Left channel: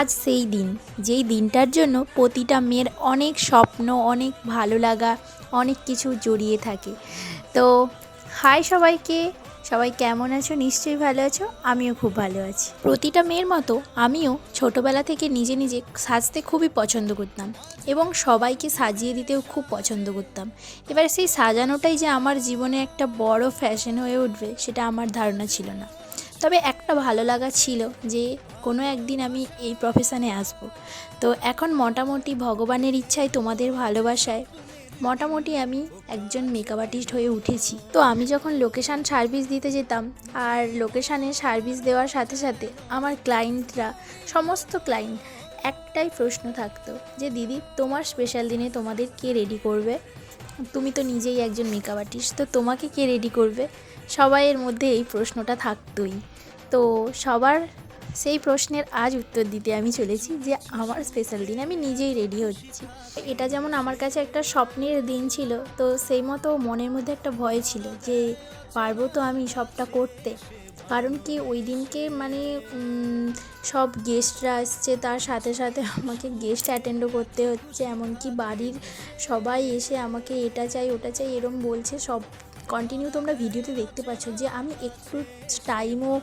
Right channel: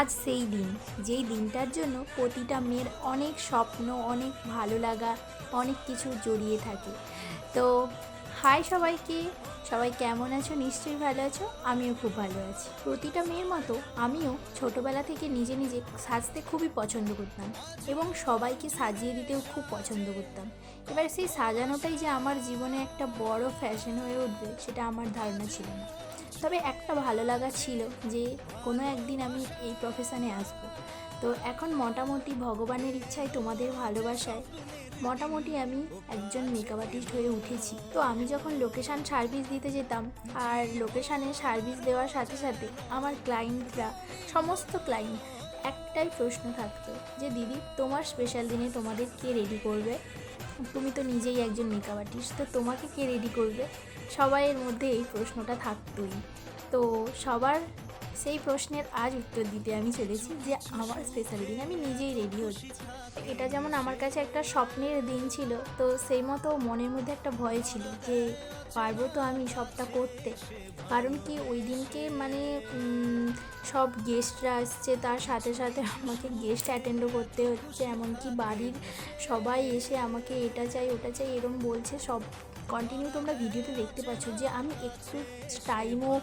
আজ সেই দিন, যেই দিনটার জন্য প্রতিটা মেয়ের অনেক স্বপ্ন, অনেক ভালো লাগা, অনেক কিছু জড়িয়ে থাকে। তো হাই সবাইকে। সবাই কেমন আছো? নিশ্চয়ই ভালো আছো। আমিও খুব ভালো আছি। প্রতিটা মেয়ের মতো আমিও ছোটোবেলা থেকে নিজে নিজে সাজতে খুবই পছন্দ করতাম এবং সবাইকে সাজিয়ে দিতেও খুব পছন্দ করতাম। এবার সেই সাজানোটাই যে আমার জীবনে একটা বড় ফ্যাশন হয়ে উঠবে, সেটা আমার ধারণা ছিল না। তবে একটা ভালো লাগা ছিল যে কোনো একদিন আমি এই প্রফেশানে আসব। তো এখন মোটামুটি ভগবানের ইচ্ছায় তোমাদের ভালোবাসায় মোটামুটি আমি একজন মেকআপ আর্টিস্ট হয়ে উঠেছি। তো আমি যখন লোকেশান সার্ভিস দিতে যেতাম আর লোকেশানে সার্ভিস দেওয়ার সাথে সাথে আমার ক্লায়েন্টরা সমস্ত ক্লায়েন্ট একটাই প্রশ্ন থাকতো যে, দিদি, তোমার স্পেশাল দিনে তোমাদের কে রেডি করবে? তুমি তো নিজেই একজন মেকআপ আর্টিস্ট তো তোমাকে কে রেডি করবে? সবাইয়ের মধ্যে এই প্রশ্নটা থাকতোই। তো সবার সেই প্রশ্নের আজ উত্তর দিতে আমি চলেছি যে আমার স্পেশাল দিন আমি নিজেই রেডি হচ্ছি। এটা যেমন আমার কাছে একটা স্বপ্নের দিন ছিল, তো সেই মতো মনের মধ্যে একটা ভয় ছিল যে পারব তো আমি সবটা করতে। কারণ কি ওই দিনকে মানে সব গেস্টরা আসছে, তার সাথে সাথে আমাকে গেস্ট অ্যাটেন্ডও করতে হচ্ছে, এমনকি বাড়ির সবাই এসে আমাকে এটা চাই, ওটা চাই, এরম বলছে। সব কন্টিনিউ তোমরা ভিডিওতে দেখতে পাচ্ছ যে আমি একটু টাইমও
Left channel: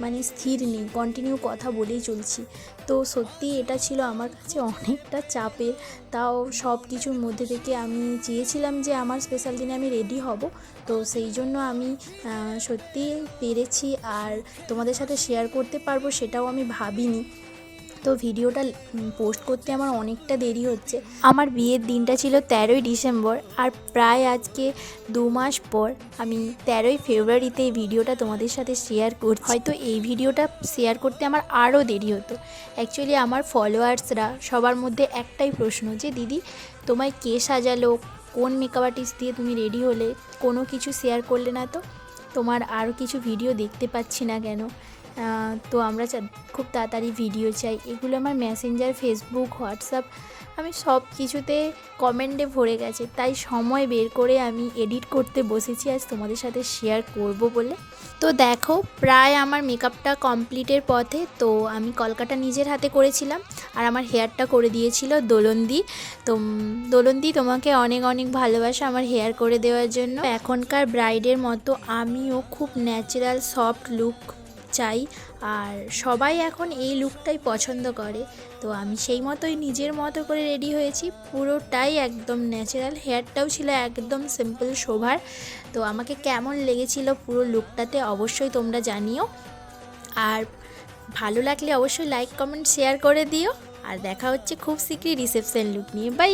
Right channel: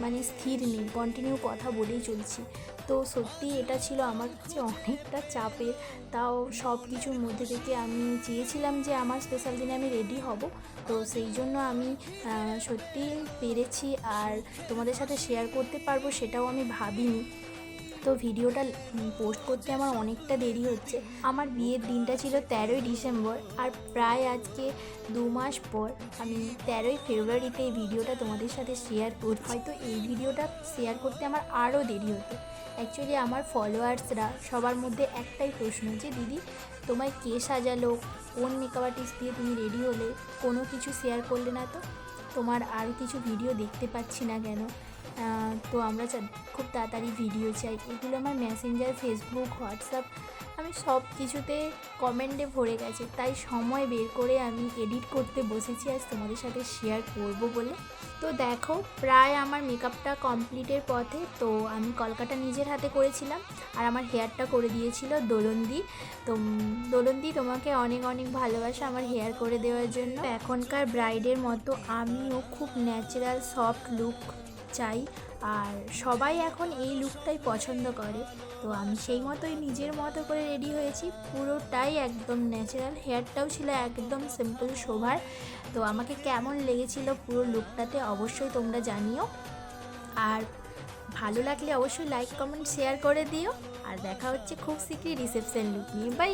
মানে স্থির নেই কন্টিনিউ কথা বলেই চলছি। তো সত্যি এটা ছিল আমার কাছে অনেকটা চাপের। তাও সব কিছুর মধ্যে থেকে আমি চেয়েছিলাম যে আমার স্পেশাল দিনে আমি রেডি হব। তো সেই জন্য আমি সত্যি পেরেছি। আর তোমাদের সাথে শেয়ার করতে পারব সেটাও আমি ভাবিনি। তো ভিডিওটা পোস্ট করতে আমার অনেকটা দেরি হচ্ছে। আমার বিয়ের দিনটা ছিল তেরোই ডিসেম্বর আর প্রায় আজকে দু মাস পর আমি তেরোই ফেব্রুয়ারিতে এই ভিডিওটা তোমাদের সাথে শেয়ার করছি। হয়তো এই ভিডিওটা শেয়ার করতে আমার আরও দেরি হতো। অ্যাকচুয়ালি আমার ফলোয়ার্সরা সবার মধ্যে একটাই প্রশ্ন যে, দিদি, তোমায় কে সাজালো? কোন মেকআপ আর্টিস্ট দিয়ে তুমি রেডি হলে? কোনো কিছু শেয়ার করলে না তো? তোমার আরও কিছু ভিডিও দেখতে পাচ্ছি না কেন? তো আমরা খুব তাড়াতাড়ি ভিডিও চাই। এগুলো আমার মেসেঞ্জার ফেসবুক হোয়াটসঅ্যাপ আমি সব কিছুতে কমেন্টে ভরে গেছে। তাই সময় বের করে আমি এডিট করতে বসেছি, আজ তোমাদের সাথে শেয়ার করব বলে। তো দেখো, প্রায় আমার মেকআপটা কমপ্লিটের পথে, তো আমি কলকাতা নিজের হাতে করেছিলাম, আর আমার হেয়ারটা করে দিয়েছিল দোলন্দি। তো দোলন্দি তোমাকে অনেক অনেক ভালোবাসা আমার হেয়ার করে দেওয়ার জন্য। এখনকার ব্রাইডের মতো আমিও খুব ন্যাচারাল সফট লুক চাই। আর সবাই এখন এই লুকটাই পছন্দ করে। তো আমি সেই মতোই নিজের মতো করে রেডি হয়েছি। পুরোটাই একদম ন্যাচারাল হেয়ারটাও ছিল একদম সিম্পল শোভার। তো আমাকে কেমন লেগেছিল পুরো লুকটাতে অবশ্যই তোমরা জানিও। আর ভালো লাগলে অবশ্যই লাইক কমেন্ট শেয়ার করে দিও। আর দেখা হচ্ছে খুব শীঘ্রই রিসেপশন লুক নিয়ে। বাই